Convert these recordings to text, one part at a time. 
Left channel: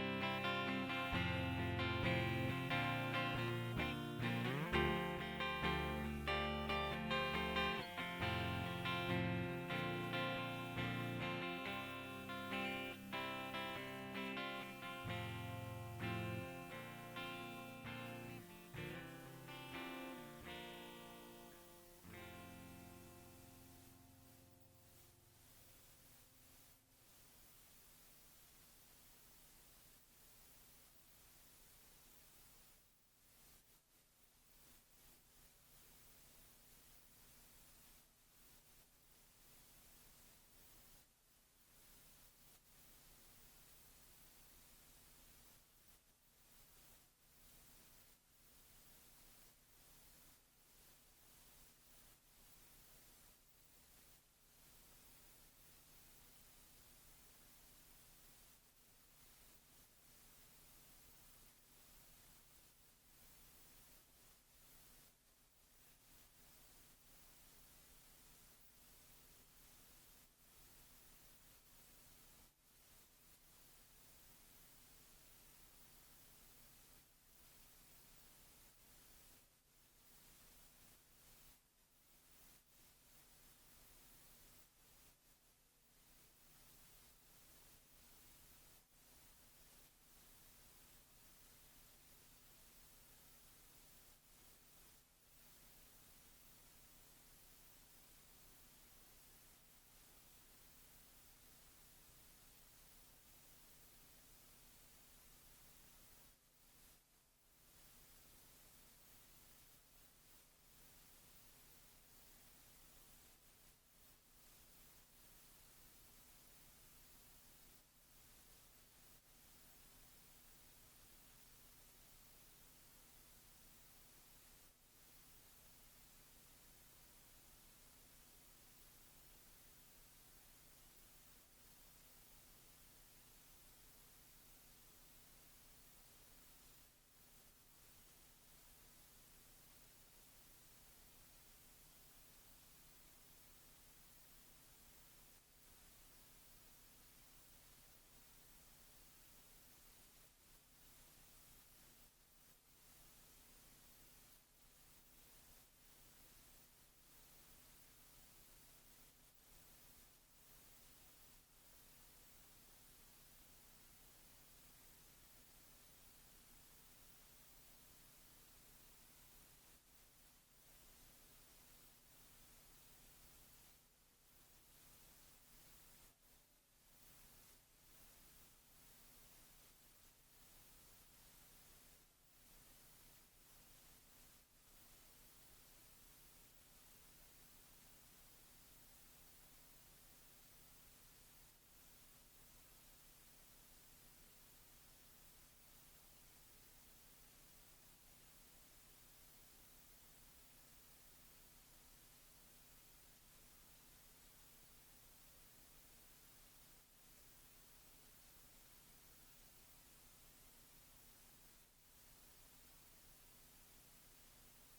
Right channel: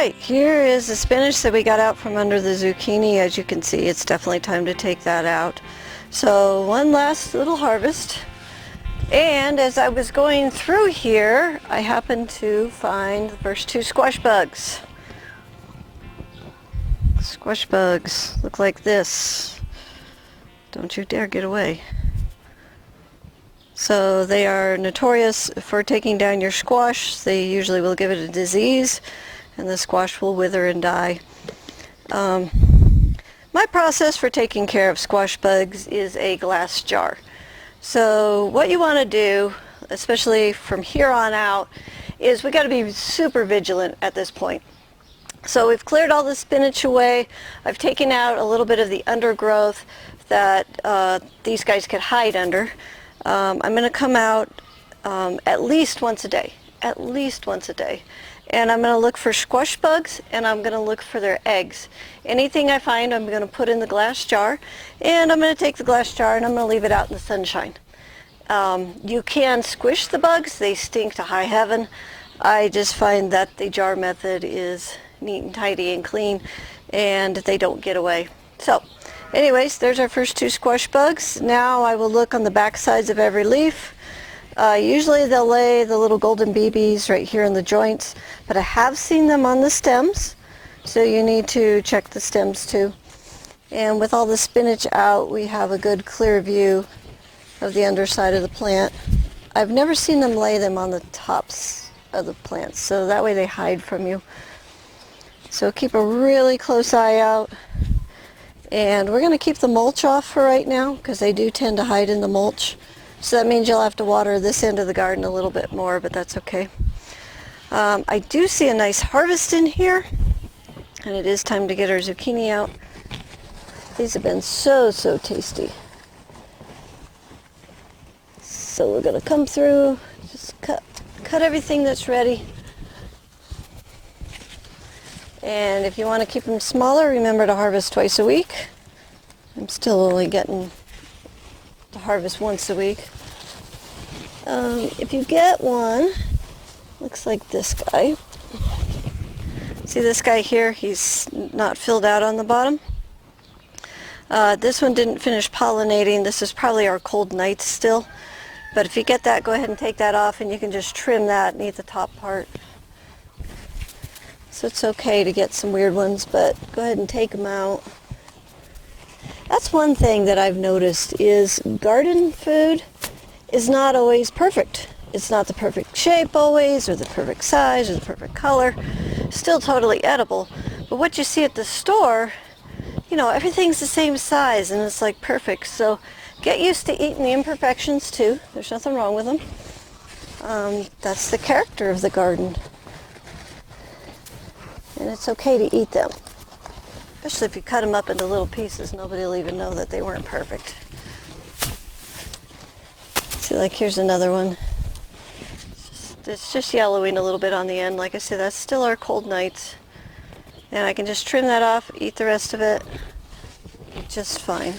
Alright, here is the spinach that we got out from under the zucchini. As you can see, it's definitely time to take that out. So one last little harvest. And as I was going through here, I happened to find the first two squash bugs. Squash bugs look like this. Don't you dare get away. So they are notorious for taking down your squash. They usually will give it a disease and the squash will wither and die. My process for taking care of squash bugs is a glass jar. So what you want to do, especially from here on out, is we got to be super vigilant at this point. So we've cleared all the spinach away. I've taken out a little bit of the undergrowth that these guys could hide under. I'm going to come out at least once a day. And I'm going to look for squash bugs, and I'm going to look for their eggs. Anything I find, I'm going to put in the glass jar, and I'm going to take the glass jar and I'm going to leave it out in the sunshine. You can squish the bugs. They stink to high heaven. I just find that the jar method is neat and tidy and clean, and they don't get away. So anyways, there's our first two squash bugs. Now I will look on the back sides of every leaf. Usually they'll lay the little golden BBs right here in the joints, but I have seen them on the stems, so you need to check the stems too. And with all the spinach out, we have a good clear view of the underside of the plant. I've never seen them lay them on the tops of the plants, so that way they hide from you. So keep a really close eye out. And we're going to keep the mulch off for right now because they do tend to hide in the mulch. So that means you'll have to water this end of the garden a little bit more, but that's okay. I do see a nice harvest in here, and it is time to get our zucchini out. These have been so tasty. So we're going to come through, just cut everything that's ready. And if you want to keep them smaller, remember to harvest twice a week. I'm still only getting to harvest once a week. If you get one, looks like this guy. See this guy here? He's not filled out on the bottom. This one didn't finish pollinating. This is probably our cold nights still. But if you get that, go ahead and take that off, and you can just trim that and eat the top part. So it's okay to get some weird ones, but go ahead and take them out. That's one thing that I've noticed is garden food is not always perfect. It's not the perfect shape always, or the perfect size, or the perfect color. Still totally edible. But what you see at the store, you know, everything's the same size and it's like perfect. So get used to eating the imperfections too. There's nothing wrong with them. That's the character of the garden. And it's okay to eat them. Especially if you cut them up into little pieces, nobody will even know that they weren't perfect. See, like here's another one. It's just yellowing a little bit on the end. Like I said, that's still our cold nights. And I can just trim that off, eat the rest of it just fine.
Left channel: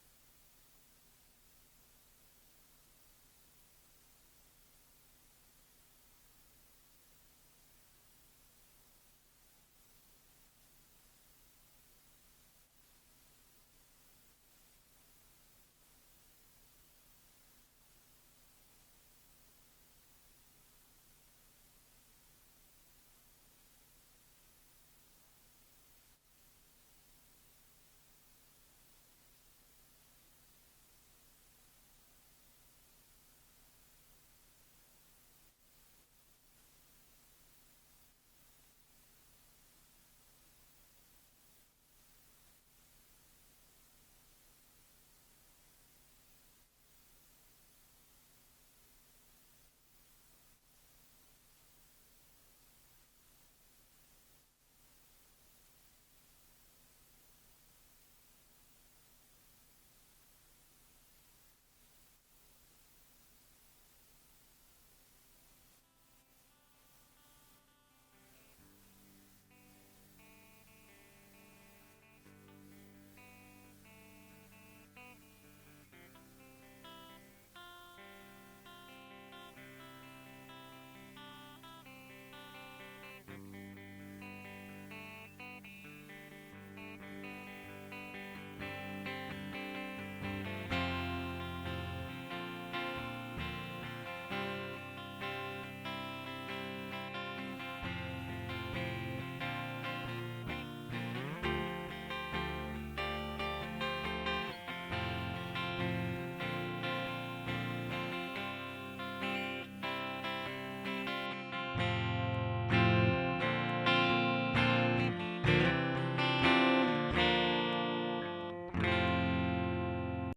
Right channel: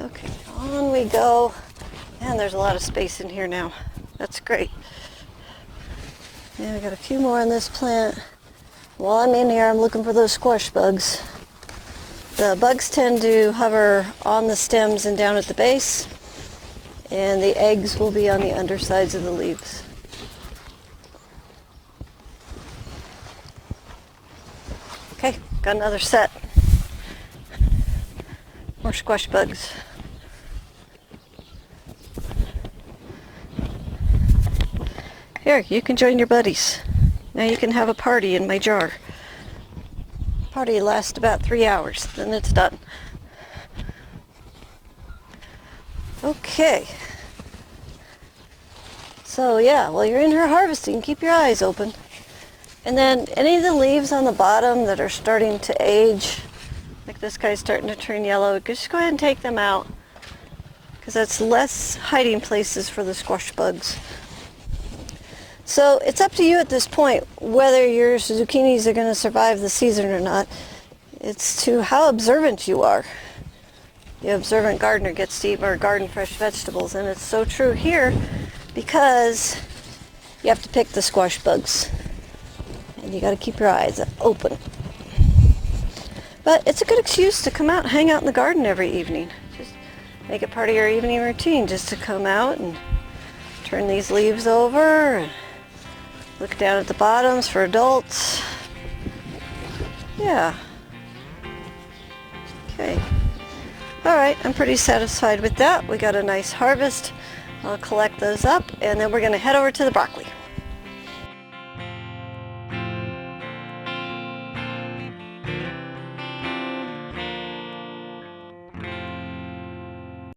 Okay, on we go. And there's a lot of space in here now. That's great. Yeah, I got a few more on this plant. While I'm in here, I'm looking for those squash bugs. The bugs tend to hover on the stems and down at the base, and the eggs will be on the undersides of the leaves. Okay, got another set. More squash bugs. Here, you can join your buddies. Now you can have a party in my jar. Party lasts about 3 hours, then it's done. Okay. So yeah, while you're in here harvesting, keep your eyes open. And then any of the leaves on the bottom that are starting to age, like this guy's starting to turn yellow, just go ahead and take them out, because that's less hiding places for the squash bugs. So it's up to you at this point whether your zucchinis are going to survive the season or not. It's to how observant you are. The observant gardener gets to eat more garden fresh vegetables, and it's so true here because you have to pick the squash bugs. And you got to keep your eyes open. But it's a good excuse to come out and hang out in the garden every evening. Just make it part of your evening routine, just to come out and turn these leaves over and look down at the bottoms for adults. Yeah. Okay. All right, I'm pretty satisfied with that. We got a nice harvest. I'll collect those up and then we're going to head over to the broccoli.